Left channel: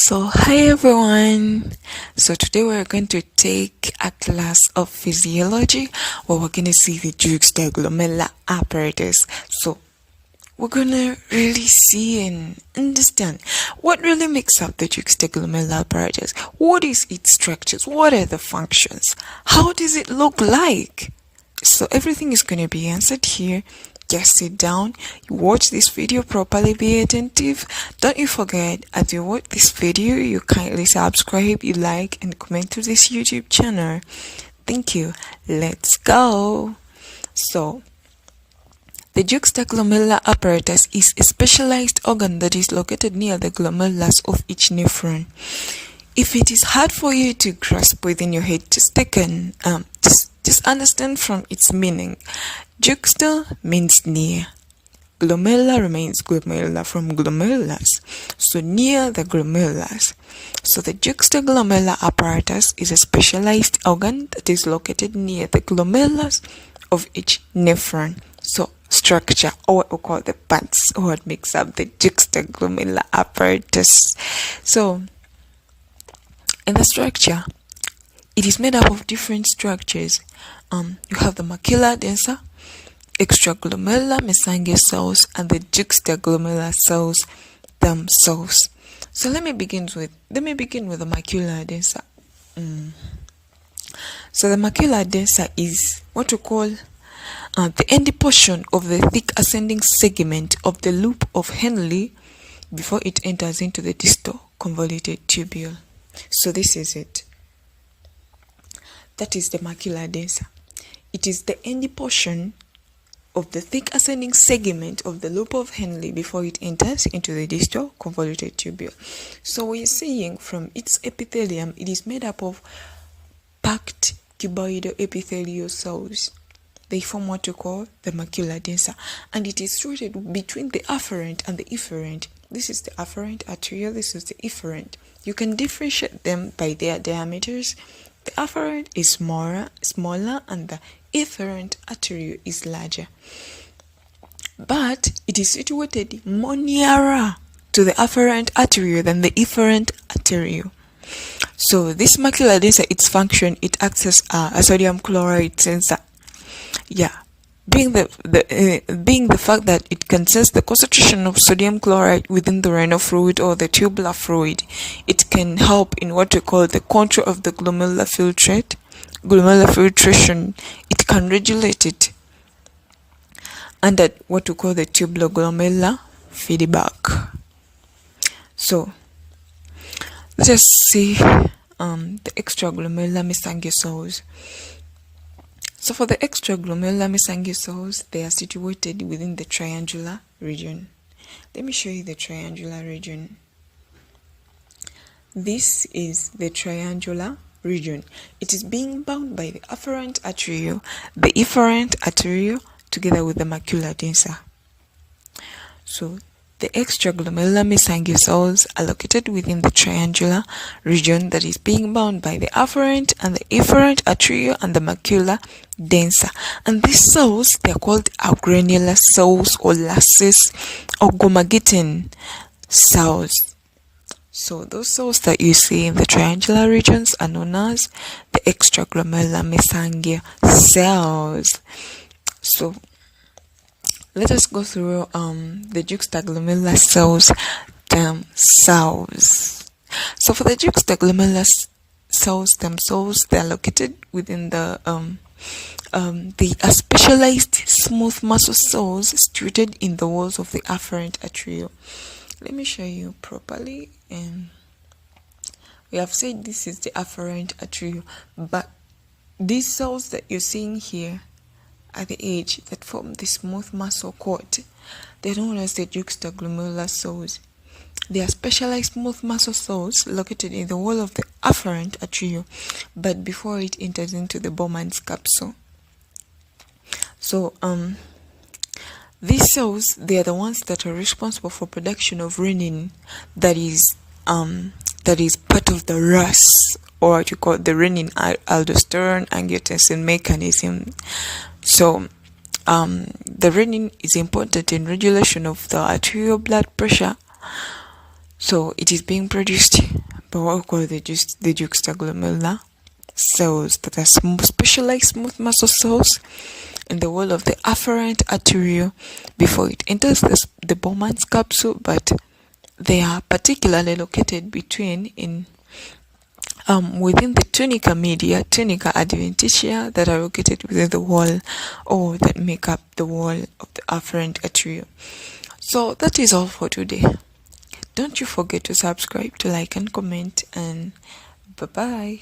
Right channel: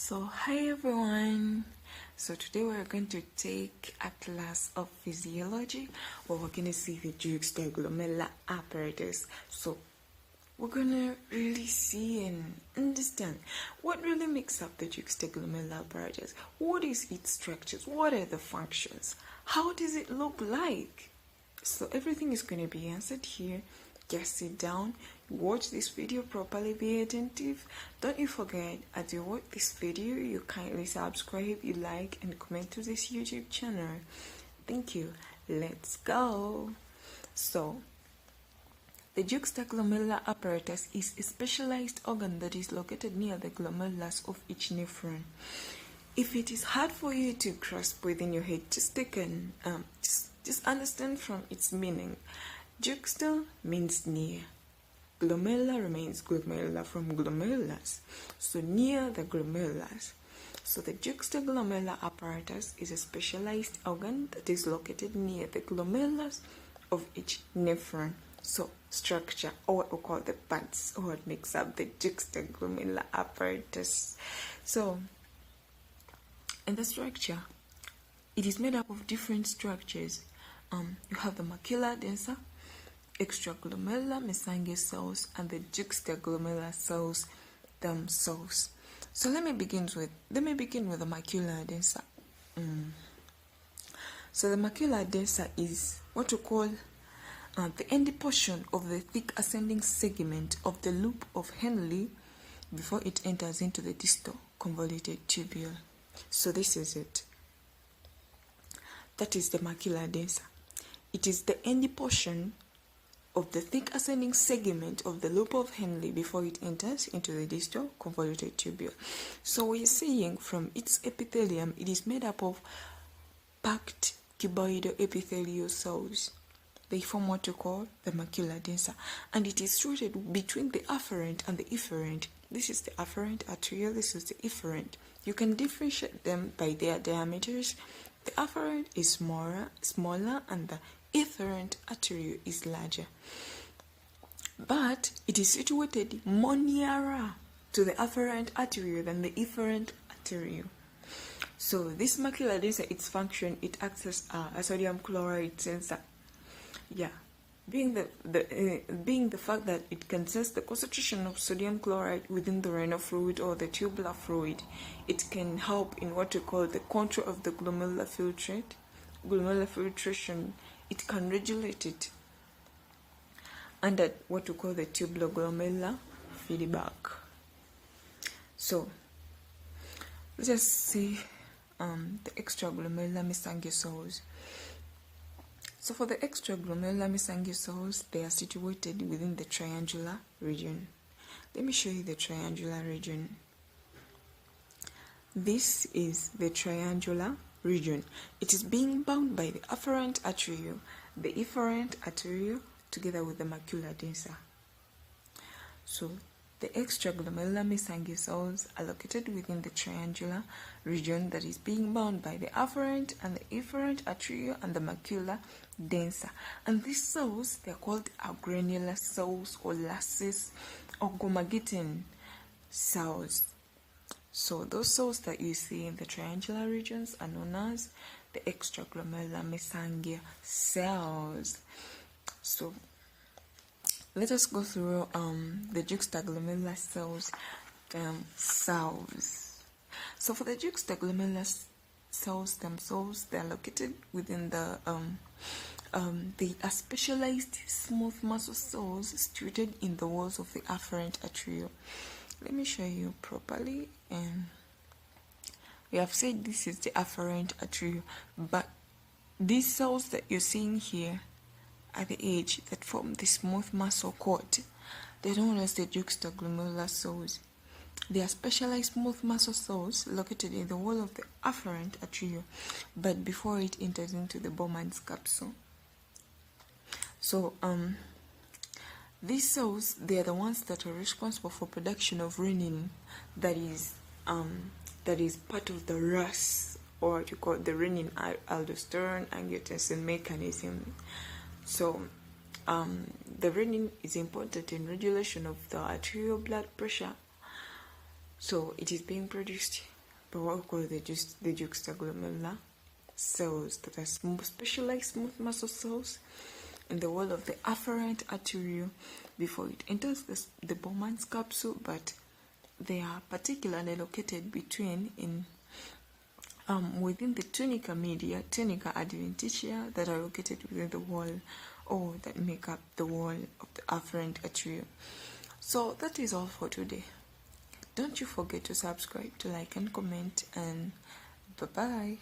Hi everyone. Today we're going to take a class of physiology where we're going to see the juxta glomerular apparatus. We're going to really see and understand what really makes up the juxta glomerular apparatus. What is its structures? What are the functions? How does it look like? Everything is going to be answered here. Just sit down, you watch this video properly, be attentive. Don't you forget, as you watch this video, you kindly subscribe, you like, and comment to this YouTube channel. Thank you. Let's go. The juxtaglomerular apparatus is a specialized organ that is located near the glomerulus of each nephron. If it is hard for you to grasp within your head, just understand from its meaning. Juxta means near. Glomerular remains glomerular from glomerulus, so near the glomerulus. The juxtaglomerular apparatus is a specialized organ that is located near the glomerulus of each nephron. Structure, or what we call the parts, or what makes up the juxtaglomerular apparatus. In the structure, it is made up of different structures. You have the macula densa, extraglomerular mesangial cells, and the juxtaglomerular cells themselves. Let me begin with the macula densa. The macula densa is what we call the end portion of the thick ascending segment of the loop of Henle before it enters into the distal convoluted tubule. This is it. That is the macula densa. It is the end portion of the thick ascending segment of the loop of Henle before it enters into the distal convoluted tubule. We're saying from its epithelium, it is made up of packed cuboidal epithelial cells. They form what we call the macula densa, and it is situated between the afferent and the efferent. This is the afferent arteriole, this is the efferent. You can differentiate them by their diameters. The afferent is smaller, and the efferent arteriole is larger. But it is situated more nearer to the afferent arteriole than the efferent arteriole. This macula densa, its function, it acts as a sodium chloride sensor. Being the fact that it can sense the concentration of sodium chloride within the renal fluid or the tubular fluid, it can help in what we call the control of the glomerular filtration. It can regulate it under what we call the tubular-glomerular feedback. Let us see the extraglomerular mesangial cells. For the extraglomerular mesangial cells, they are situated within the triangular region. Let me show you the triangular region. This is the triangular region. It is being bound by the afferent arteriole, the efferent arteriole, together with the macula densa. The extraglomerular mesangial cells are located within the triangular region that is being bound by the afferent and the efferent arteriole and the macula densa. And these cells, they are called granular cells or lasses or gomagitin cells. Those cells that you see in the triangular regions are known as the extraglomerular mesangial cells. Let us go through the juxtaglomerular cells themselves. For the juxtaglomerular cells themselves, they are located within the specialized smooth muscle cells situated in the walls of the afferent arteriole. Let me show you properly. We have said this is the afferent arteriole, but these cells that you're seeing here at the edge that form the smooth muscle cord, they're known as the juxtaglomerular cells. They are specialized smooth muscle cells located in the wall of the afferent arteriole, but before it enters into the Bowman's capsule. These cells, they are the ones that are responsible for production of renin, that is part of the RAS, or what you call the renin aldosterone angiotensin mechanism. The renin is important in regulation of the arterial blood pressure So it is being produced by what we call the juxta cells that are specialized smooth muscle cells in the wall of the afferent arteriole before it enters the Bowman's capsule, but they are particularly located within the tunica media, tunica adventitia, that are located within the wall or that make up the wall of the afferent arteriole. So that is all for today. Don't you forget to subscribe, to like and comment, and bye bye.